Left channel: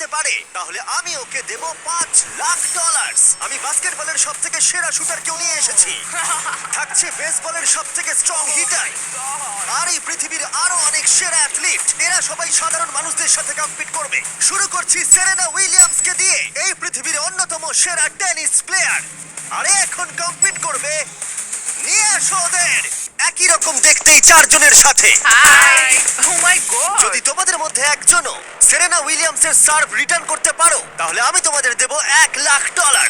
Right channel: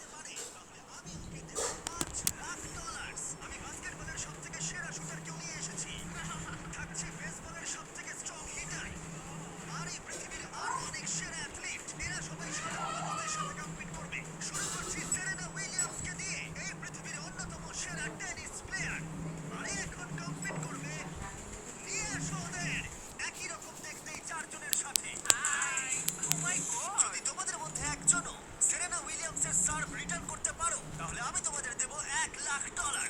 হারাতে পারে তাহলে আমি ওকে দেব পাঁচ লাখ ডলার আমি বাস্কেটবলের সব থেকে সেরা শুটার কেউ নিয়ে এসেছি। থাকছে বেসবলের সব থেকে স্ট্রং হিটার আর এই পৃথিবীর আরও অনেক সেরা অ্যাথলিট এরা সবাই সাধারণ মানুষদের সাথে কম্পিট করবে। শুরু করছি সেরেনা উইলিয়ামস কে দিয়ে। এই পৃথিবীর অন্যতম সেরা টেনিস প্লেয়ার আর এখন কম্পিট করবে নিয়ে আসো ওদের। একই রকম দেখতেই চারজনের সাথে। ও মাই গড যদি তোমাদের মধ্যে একজনও সেরেনা উইলিয়ামস এর সার্ভ রিটার্ন করতে পারো তাহলে আমি তোমাদের দেব এক লাখ ডলার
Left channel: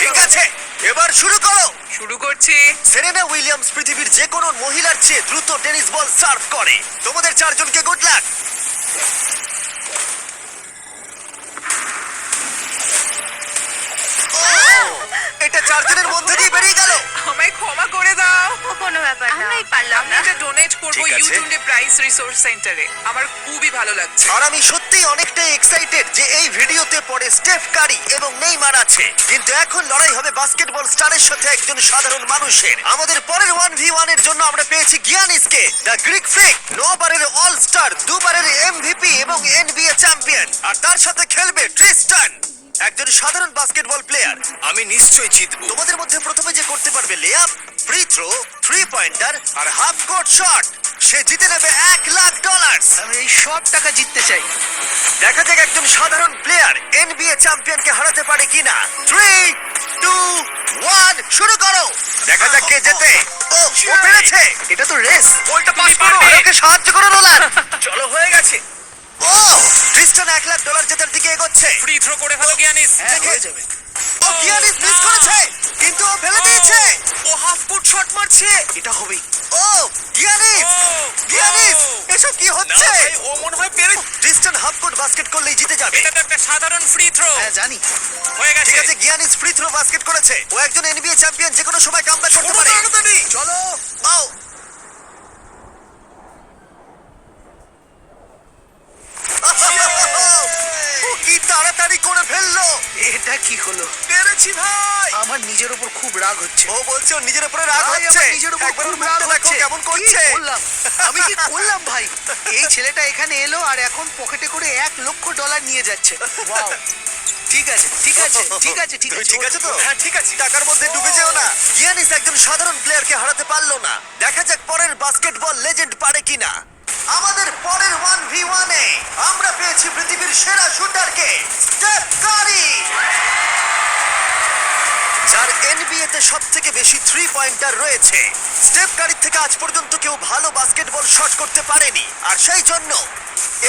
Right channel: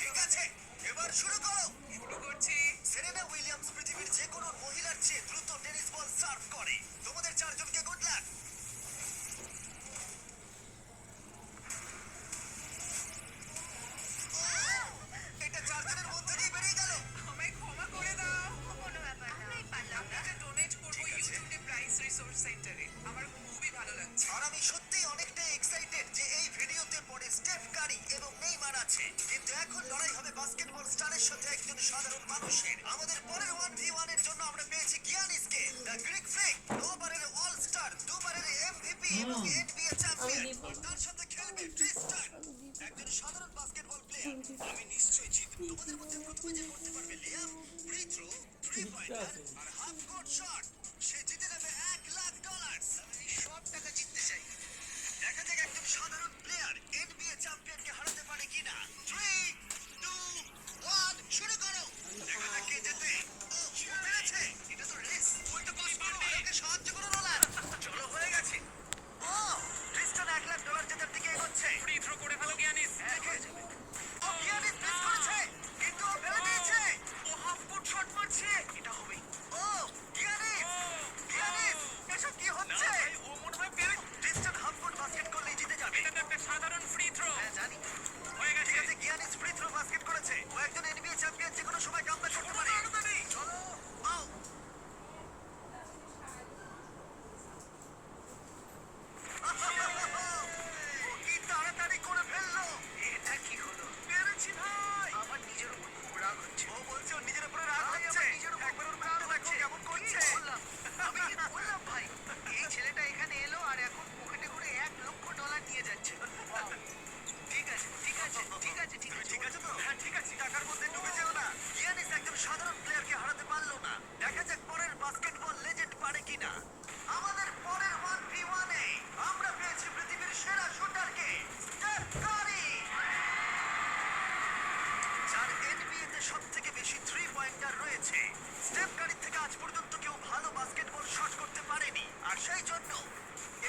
ঠিক আছে এবার শুরু করো। শুরু করছি। সেরেনা উইলিয়ামস পৃথিবীর যে কোনো মহিলার চেয়ে দ্রুত টেনিস বল সার্ভ করে। তোমাদের চারজনকে গুড লাক এটা চারজনের মধ্যে দিয়ে বেরিয়ে গেল। কোনো ব্যাপার না। আমরাই পারলাম আমি না। এটা ডোনেট করব ঠিক আছে। ইউটিউবে প্রাইস রিসোর্স সেন্টারে আমার খুবই ভালো লাগছে। আর আমি সত্যিই অনেকটাই এক্সাইটেড যে এই ভিডিওতে পরে স্টেফ কারি এবং নেইমার আছে। কিন্তু এখন লড়াই হবে বাস্কেটবল স্টারের সাথে একজন সাধারণ মানুষের। আমাদের পরের ওয়ান ভি ওয়ানের জন্য আমরা পেয়েছি গিয়ানিসকে দ্য গ্রিক ফ্রিক নবারের অল স্টার দুবারের এমভিপি এবং এনবিএ চ্যাম্পিয়ন আর তার সাথে খেলবে ট্রিস্টান একজন সাধারণ বাস্কেটবল প্লেয়ার আমি নিশ্চয়ই জিতব। তোমাদের মধ্যে প্রথমে যে করতে পারবে layup free throw three pointer আর হাফ কোর্ট শট সে জিতে নেবে এক লাখ ডলার আমি এই সব টাকা জিততে চাই। দেখা যাক একজন সাধারণ প্লেয়ার এনবিএ চ্যাম্পিয়নকে হারাতে পারে কিনা। থ্রি টু ওয়ান শুরু করো। দেখা যাক কে জেতে। ও ও পেরেছে। এটা তো রেস বলটা পাস করো। ওকে সাহায্য করো নোলান চলো হয়ে গেছে। ও ক্রিস্টান এক লাখ ডলার জেতার দিকে এগোচ্ছে। ফ্রি থ্রো করে ফেলো গিয়ানিস হ্যাঁ হয়ে যাবে। ও গিয়ানিস মিস করেছে কিন্তু ও ফেলে দিয়েছে। ও হাফ ফুট শট মারছে। এটা হবেই। ও গিয়ানিস গিয়ানিস এসব কি হচ্ছে? ও মনে হয় পেরে ক্রিস্টান হাফ কোর্ট বাস্কেট করলেই জিতে যাবে। এটা তো একটা সাধারণ ফ্রি থ্রো হ্যাঁ জানি। হয়ে ঠিক আছে গিয়ানিস ফ্রি থ্রো বাস্কেট করেছে। ও একজন এনবিএ চ্যাম্পিয়ন যে কোনো সময় কামব্যাক রাগ হচ্ছে। ও বলছে ওর নিজের উপরে রাগ ভাই, হচ্ছে। আমার নিজের উপর একবার ওর খুব রাগ মুখটা দেখো হচ্ছে। কেমন করছে। করলাম? আমি কি করলাম ভাই? এই ছেলেটা এখানে এলো আর এখন পকেটে করে এক লক্ষ ডলার নিয়ে যাচ্ছে। Wow! ঠিক আছে ঠিক আছে ঠিক আছে ঠিক তুমি আছে ঠিক আছে তো? হ্যাঁ ঠিক আছে। টাকার মধ্যে ডুবে যেও না। গিয়ানিস একজন সাধারণ প্লেয়ারকে হারাতে পারল না। দেখা যাক পরের বাস্কেটবল লেজেন্ড পারে কিনা। আমাদের পরের ওয়ান ভি ওয়ানে আমরা পেয়েছি পৃথিবীর সেরা শুটারকে স্টেফ কারি যার এনবিএ তে সব থেকে বেশি থ্রি পয়েন্টার রয়েছে। স্টেপ কারির থেকে আজ পর্যন্ত কেউ ভালো বাস্কেটবল শট করতে পারেনি। আর সেই জন্য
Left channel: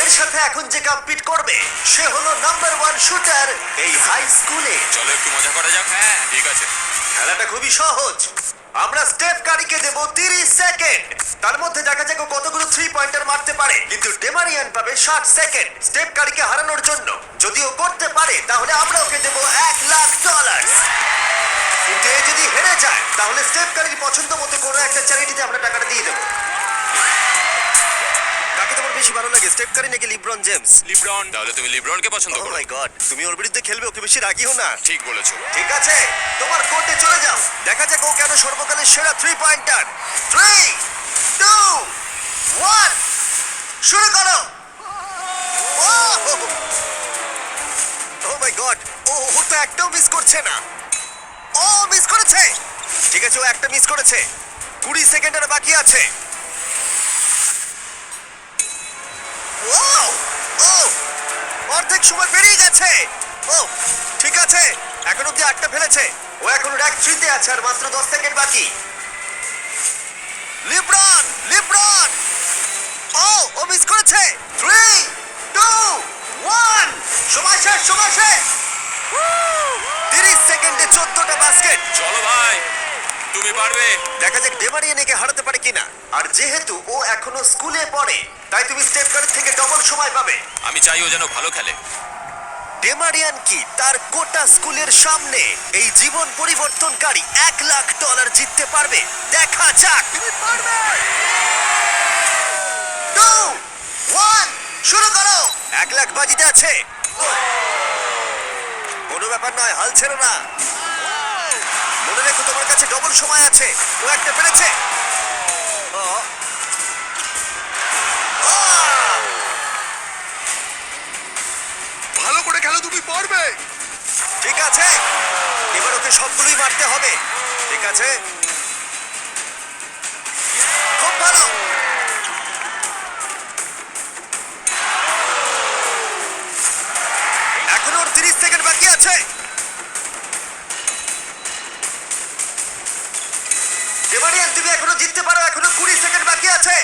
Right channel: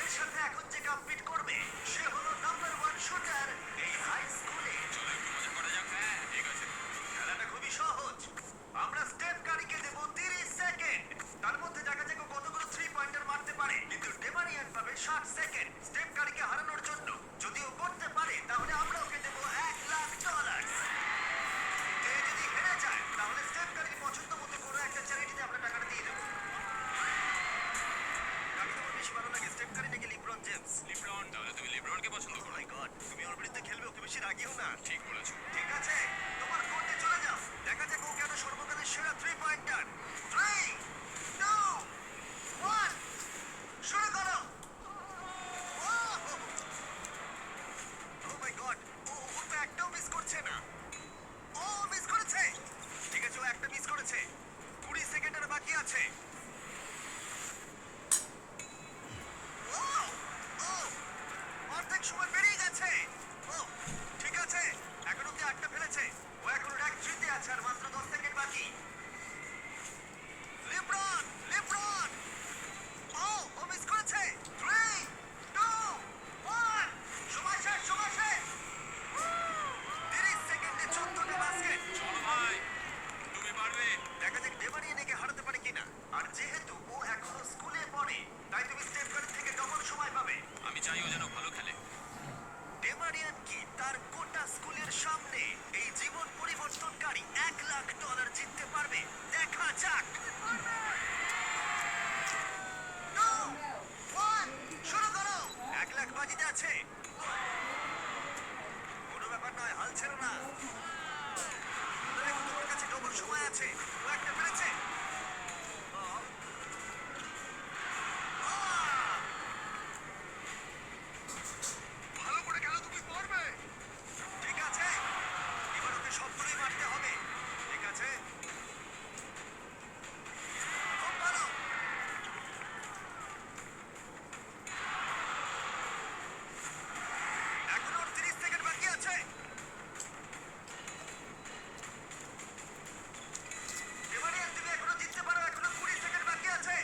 এর সাথে এখন যে কম্পিট করবে সে হলো নাম্বার ওয়ান শুটার এই হাই স্কুলে চলো একটু মজা করা যাক। হ্যাঁ। ঠিক আছে। খেলাটা খুবই সহজ। আমরা স্টেপ কারিকে দেব 30 সেকেন্ড তার মধ্যে দেখা যাক ও কতগুলো থ্রি পয়েন্টার মারতে পারে। কিন্তু ডেমারিয়ান পাবে 60 সেকেন্ড স্টেপ কারিকে হারানোর জন্য যদি ও করতে পারে তাহলে আমরা ওকে দেব এক লাখ ডলার কিন্তু যদি হেরে যায় তাহলে স্টেপ কারির পছন্দ মতো কোনো একটা চ্যারিটিতে আমরা টাকাটা দিয়ে দেবো। কাকে তোমার বেশি ভালো লাগে স্টেপ কারি নাকি লিব্রন জেমস লিব্রন তাহলে তুমি লিব্রনকে পছন্দ করো। মাই গড তুমি ওর বিরুদ্ধে খেলবে ওকে বেশি রাগিও না। ঠিক বলেছ। ঠিক আছে তোমার কোর্টে চলে যাও। দেখা যাক ও কেন সর্বকালের সেরা three pointer three two one শুরু করো। ও মাই গড ও ও তো একটাও মিস করছে না। ও মিস করেছে। ঠিক আছে, ও একটা মিস করেছে। কুড়ি সেকেন্ড আর বাকি আছে। Wow! Oh! অর্ধেক সময় পেরিয়ে গেছে। ও ঠিক আছে, এখন অব্দি আটটা ফেলেছে? ও এখন র্যাক থ্রিতে আছে আর মাত্র দশ সেকেন্ড বাকি। লিব্রন লিব্রন ও ও মিস করেছে। থ্রি টু ওয়ান সময় শেষ সময় শেষ! সেকেন্ডে চোদ্দটা বাস্কেট চলো ভাই তুমি পারবে। দেখা যাক ডেমারিয়ান একে হারাতে পারে কিনা। আর যেহেতু ও এখনও স্কুলে পড়ে তাই তুমি স্টেপ কার্ড থেকে ডবল সময় পাবে। আমি চাই ও যেন ভালো খেলে। ডেমারিয়ান কি? তার গোটা স্কুলের সামনে। এই জীবন পরিবর্তনকারী এক লাখ ডলার জিততে পারবে। দেখা যাক। তুমি পারবে! টু ওয়ান শুরু করো। এক লাখ বাজিতে আছে। কোনো ব্যাপার নয়, হাল ছেড়ো না। মনে রেখো তোমার কাছে ডবল সময় আছে। ও একটা পেরেছে। ডেমারিয়ান তুমি এখনও জিততে পারো এখনও কুড়ি সেকেন্ড বাকি আছে।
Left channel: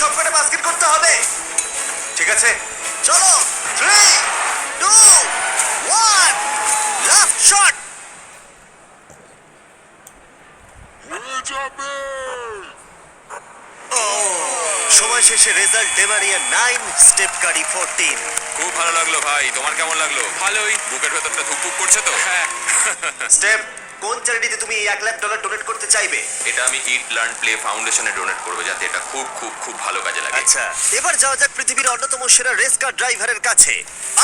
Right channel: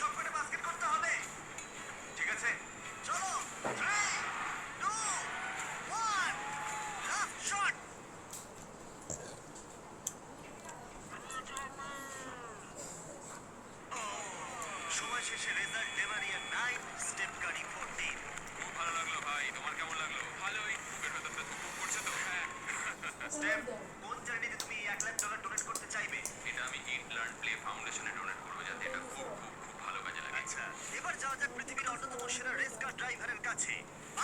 সবকটা বাস্কেট করতে হবে। ঠিক আছে? চলো three two one last shot সময় শেষে রেজাল্ট ডেমারিয়া নাইন স্টেপ কারি ফোরটিন খুব ভালো লাগল ভাই তোমার কেমন লাগল? ভালোই। বুকের ভেতরটা ধুকপুক করছে তো? হ্যাঁ। স্টেপ কোন চ্যারিটিতে তুমি এই এক লাখ ডলার ডোনেট করতে চাইবে? এটা আমি ইট লার্ন প্লে ফাউন্ডেশনে ডোনেট করব যাতে এটা খুব খুব খুব ভালো কাজে লাগে। আচ্ছা এবার যাওয়া যাক পৃথিবীর অন্যতম সেরা রেস কার ড্রাইভারের কাছে।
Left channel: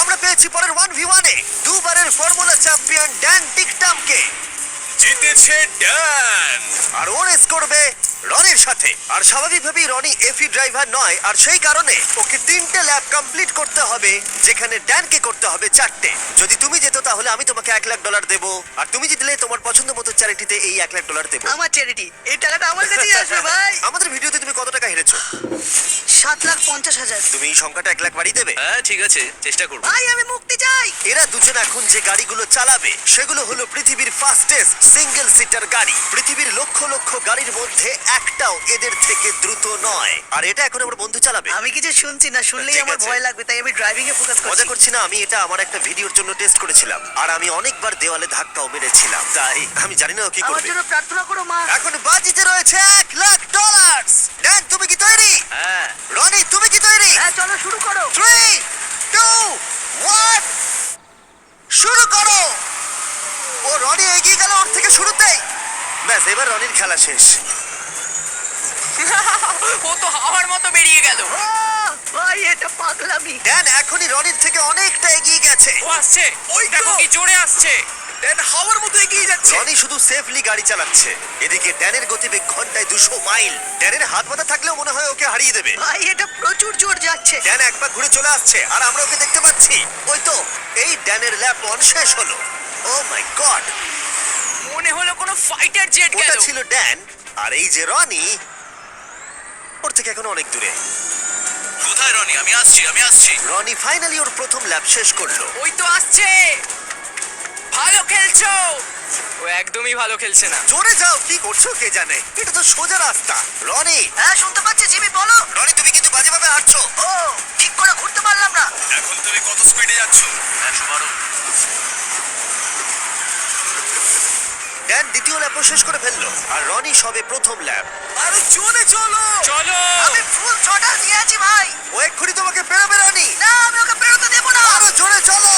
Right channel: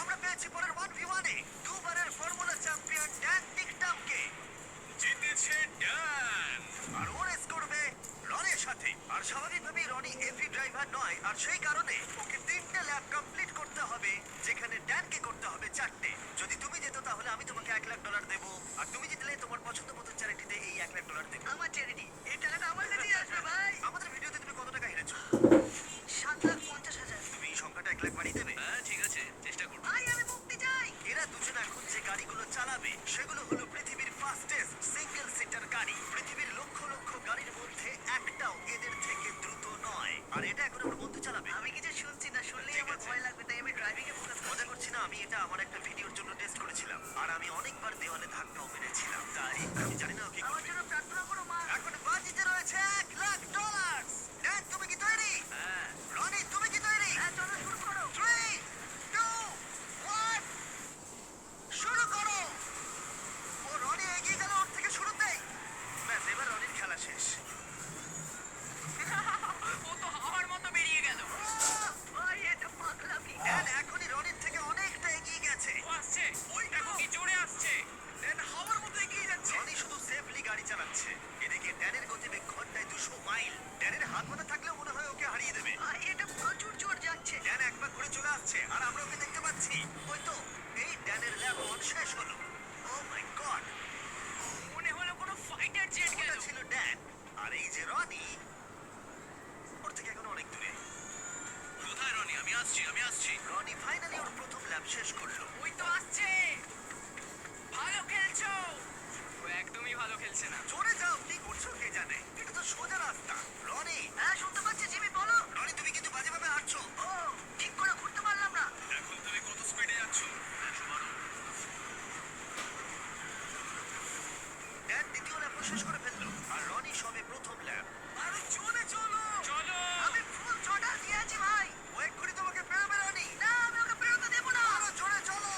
আমরা পেয়েছি পরের ওয়ান ভি ওয়ানে দুবারের ফর্মুলা চ্যাম্পিয়ন ড্যান টিকটামকে জিতেছে ড্যান আর ও রেস করবে সাথে আর স্বাভাবিকভাবেই রনি এফি ড্রাইভার নয় আর সেই কারণে ওকে তিনটে ল্যাব কমপ্লিট করতে হবে যেখানে ড্যানকে করতে হবে চারটে। যদি তুমি যেত তাহলে আমি তোমাকে এক লাখ ডলার দেবো আর তুমি জিতলে তোমার পছন্দ মতো চ্যারিটিতে এই এক লাখ ডলার দেবো। আমার চ্যারিটি এই টাকাটা আমার কাছেই আসবে ভাই। আমাদের ভিডিওতে তুমি কত টাকা হেরেছো? সাত লাখ পঞ্চাশ হাজার। তুমি এই সংখ্যাটা এক লাখ বাড়িয়ে দেবে? হ্যাঁ ঠিক আছে চেষ্টা করব। ভাই আমি মুক্তি চাই। এরা দুজন এখন যে গাড়িগুলো চালাবে সেগুলো হলো পৃথিবীর ফাস্টেস্ট সিঙ্গেল সিটার গাড়ি। পৃথিবীর লক্ষ লক্ষ গাড়ির মধ্যে একটাও এদের থেকে দ্রুত নয়। আর এটা এখন আমার বন্ধু চালাবে। আমি কিছু শুনছি না শুনলেই ঠিক আমার আছে। ভয় লাগবে তাই আমি ড্রাইভিং এ ফোকাস মজা করছি। করছি না আমি এটা আমার একটা ভিডিওর জন্য টেস্ট করেছিলাম। আর আমি অনেকবার দেওয়ালে ধাক্কাও মেরেছিলাম তাই আমি জানি না ও কি আমার করবে। জন্য প্রার্থনা করো মা। এখন বাজিতে রয়েছে এক লাখ ডলার ড্যান তুমি কি তৈরি? হ্যাঁ। রনি তুমি কি তৈরি? হ্যাঁ চলো শুরু করো। থ্রি টু ওয়ান শুরু করো। ও রনি এগিয়ে গেল ওর থেকে শুরুতেই। ব্যাস এবার রনির খেলা শেষ। ও তো হাওয়ার মতো বেরিয়ে গেল। ভাই এটা পাগলামি। ড্যান এখনই রনির থেকে অনেকটা এগিয়ে গেছে। ও আসছে। ওই দেখো কি জোরে আসছে। দেন হাওয়ার মতো এগিয়ে যাচ্ছে। রনি শুধু সেফলি গাড়ি চালাচ্ছে। এদিকে ড্যানের গতিবেগ ঘন্টায় দুশো মাইল। ড্যানের হাত মাথা থাকলেও মনে হয় ওকে হারিয়ে দেবে। ভাই এটা প্রচুর জোর যাচ্ছে। ড্যান একবার ঘুরে চলে আসছে আর আমরা ওকে দেখতে পাচ্ছি। ওই তো এই ড্যানের ল্যাপ অন শেষ হলো। ও মাই গড মনে হলো কোনো ফাইটার জেট ওটা ছিল ড্যান আর এই যে রনি ওর থেকে এখন অনেক দূরে। কোথায় রনি? আমি আসছি আমি আসছি। রনি ফাইনালি ওর প্রথম ল্যাপ শেষ করল। ওই তো আসছে। ভালো খেলছো। ও একদমই ভালো খেলছে না। জোরে যাও কি করছ কে জানে? এটা তো সোজা রাস্তা। রনি! হ্যাঁ শুনতে পাচ্ছি দ্বিতীয় ল্যাপও শেষ করে ফেলল। আর রনি সবে প্রথম ল্যাপ। আরে জোরে চলো! চলো! আমি ফুল ছটা দিয়ে আছি ভাই। ও এক্ষুনি তোমাকে বেরোবে রনি। না আমি ওকে বেরোতে দেবো না। আরও জোরে চলো।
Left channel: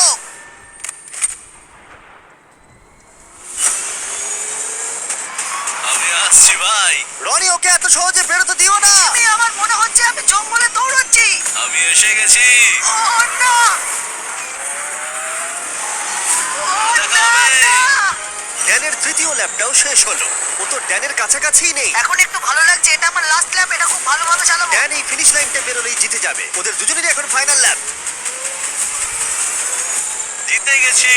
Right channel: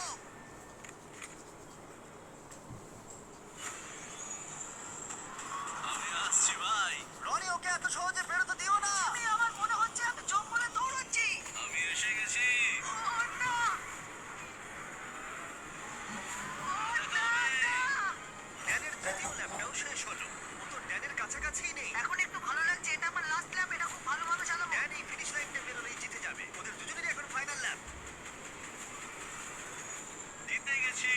আমি আসছি ভাই। রনি ওকে এত সহজে বেরোতে দিও না। আমি আমার মনে হচ্ছে আমি জঙ্গলে দৌড়চ্ছি। আমি এসে গেছি। ও না। ড্যানের তৃতীয় ল্যাপটাও শেষ হলো। ও তো ড্যানের কাছাকাছিই নেই। এখন একটু ভালো লাগছে এটা আমার লাস্ট ল্যাপ এটা খুব ভালোভাবে চালাবো। ড্যান এই ফিনিশ লাইনটা বেরোলেই জিতে যাবে। ওদের দুজনেরই এখন ফাইনাল ল্যাপ জিতে গেছি।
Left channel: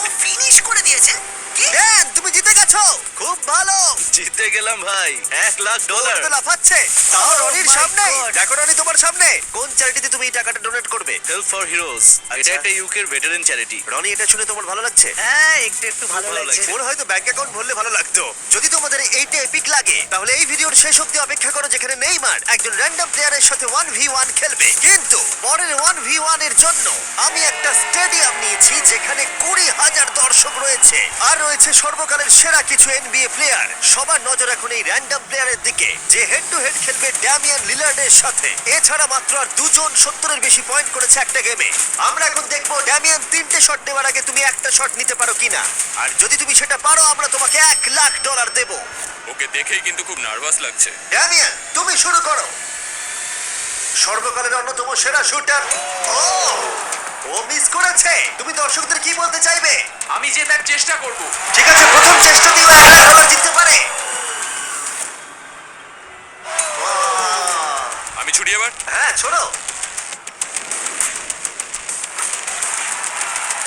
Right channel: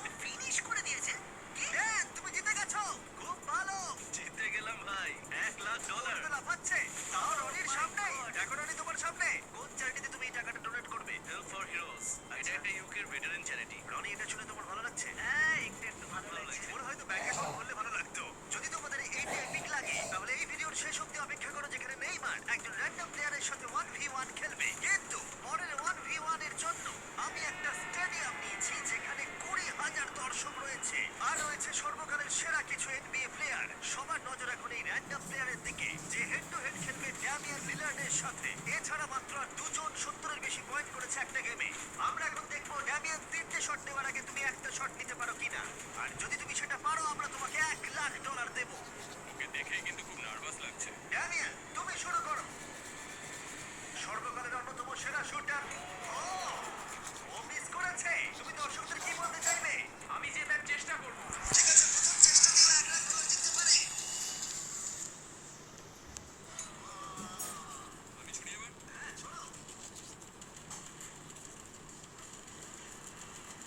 ও ফিনিশ করে দিয়েছে? ড্যান তুমি জিতে গেছো। খুব ভালো। জিতে গেলাম ভাই এক লাখ ডলার তো লাফাচ্ছে। তাও Oh রনির সামনে। দেখো রনি তোমার সামনে। কোন চ্যারিটিতে তুমি এই টাকাটা ডোনেট করবে? হেল্প ফর হিরোজ এটা আচ্ছা। একটা ইউকের ভেটারেন চ্যারিটি রনি এটা শুনে তোমার ভালো লাগছে? হ্যাঁ একটু একটু ভালো লাগছে। ওর হয়তো ব্যাংক অ্যাকাউন্ট ভরলে ভালো লাগতো। যদি তোমাদের এইটা এপিক লাগে তাহলে এই ভিডিওর শেষ অব্দি অপেক্ষা করো যেখানে নেইমার একজন র্যান্ডম প্লেয়ারের সাথে ওয়ান ভি ওয়ান খেলবে। কিন্তু পরের ওয়ান ভি ওয়ানের জন্য আমি একটা স্টেডিয়াম নিয়েছি যেখানে কুড়ি হাজার দর্শক রয়েছে। আর রয়েছে সর্বকালের সেরা কিছু এনবিএ প্লেয়ার সবার নজর এখন এই র্যান্ডম প্লেয়ারের দিকে। যে হেড টু হেড খেলবে ড্যামিয়ান লিলার্ডের সাথে। এছাড়া মাত্র আর দুজন সত্তরের বেশি পয়েন্ট করেছে একটা গেমে আমরা এখন দেখব ড্যামিয়ান তিনটে শট নেওয়ার আগে তুমি একটা শট নিতে পারো কিনা। আর যদি তুমি সেটা পারো আমরা তোমাকে এক লাখ ডলার দেব। ওকে দেখেই কিন্তু খুব নার্ভাস লাগছে। ড্যামিয়ান তুমি শুরু করো। সর্বকালের অন্যতম সেরা শুটার ও! ও মিস করেছে। তুমি দর্শকদের কি বলতে চাইবে? আমি জেতার চেষ্টা করব। ঠিক আছে প্রথম চেষ্টা দিয়ে এক লাখ ডলার জিততে পারে। আমি ছুটি এবার? হ্যাঁ ছোড়ো।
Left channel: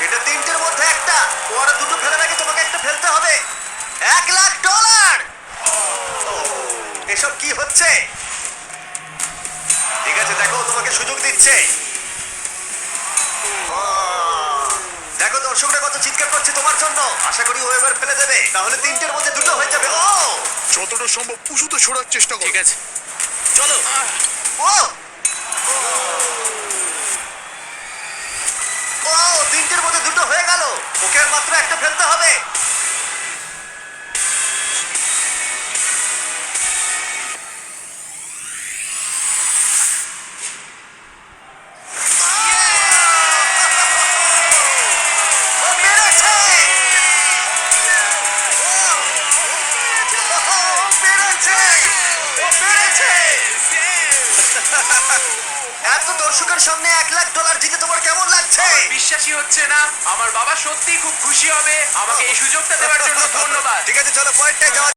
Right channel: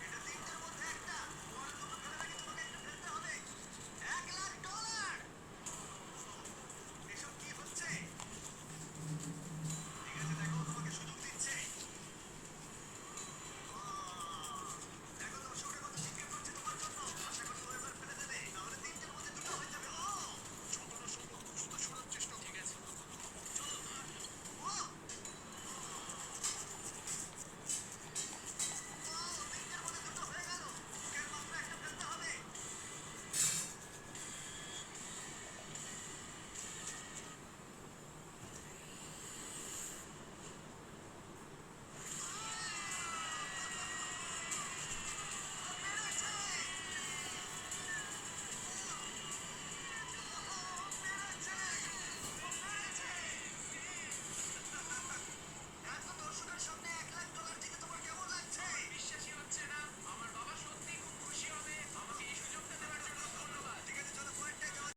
এটা তিনটের মধ্যে একটা। ও আশা করি ও এবার ফেলে দেবে। তাহলে তিনটের মধ্যে দুটো হয়ে যাবে। ও! যতটা সম্ভব উঁচুতে ছোড়ার চেষ্টা কর। ঠিক আছে। চলো। ও! ও তিনটের মধ্যে দুটো হয়ে গেল। ওকে আর মাত্র একটা ফেলতে হবে। এত দর্শকের সামনে এক লাখ ডলার জিতে তোমার কেমন লাগছে? বিশ্বাসই হচ্ছে না। আমার বাবা সত্যিই খুব খুশি হবে। আমাকে এই সুযোগটা দেওয়ার জন্য ধন্যবাদ। ঠিক আছে চলো পয়েন্টটা যাওয়া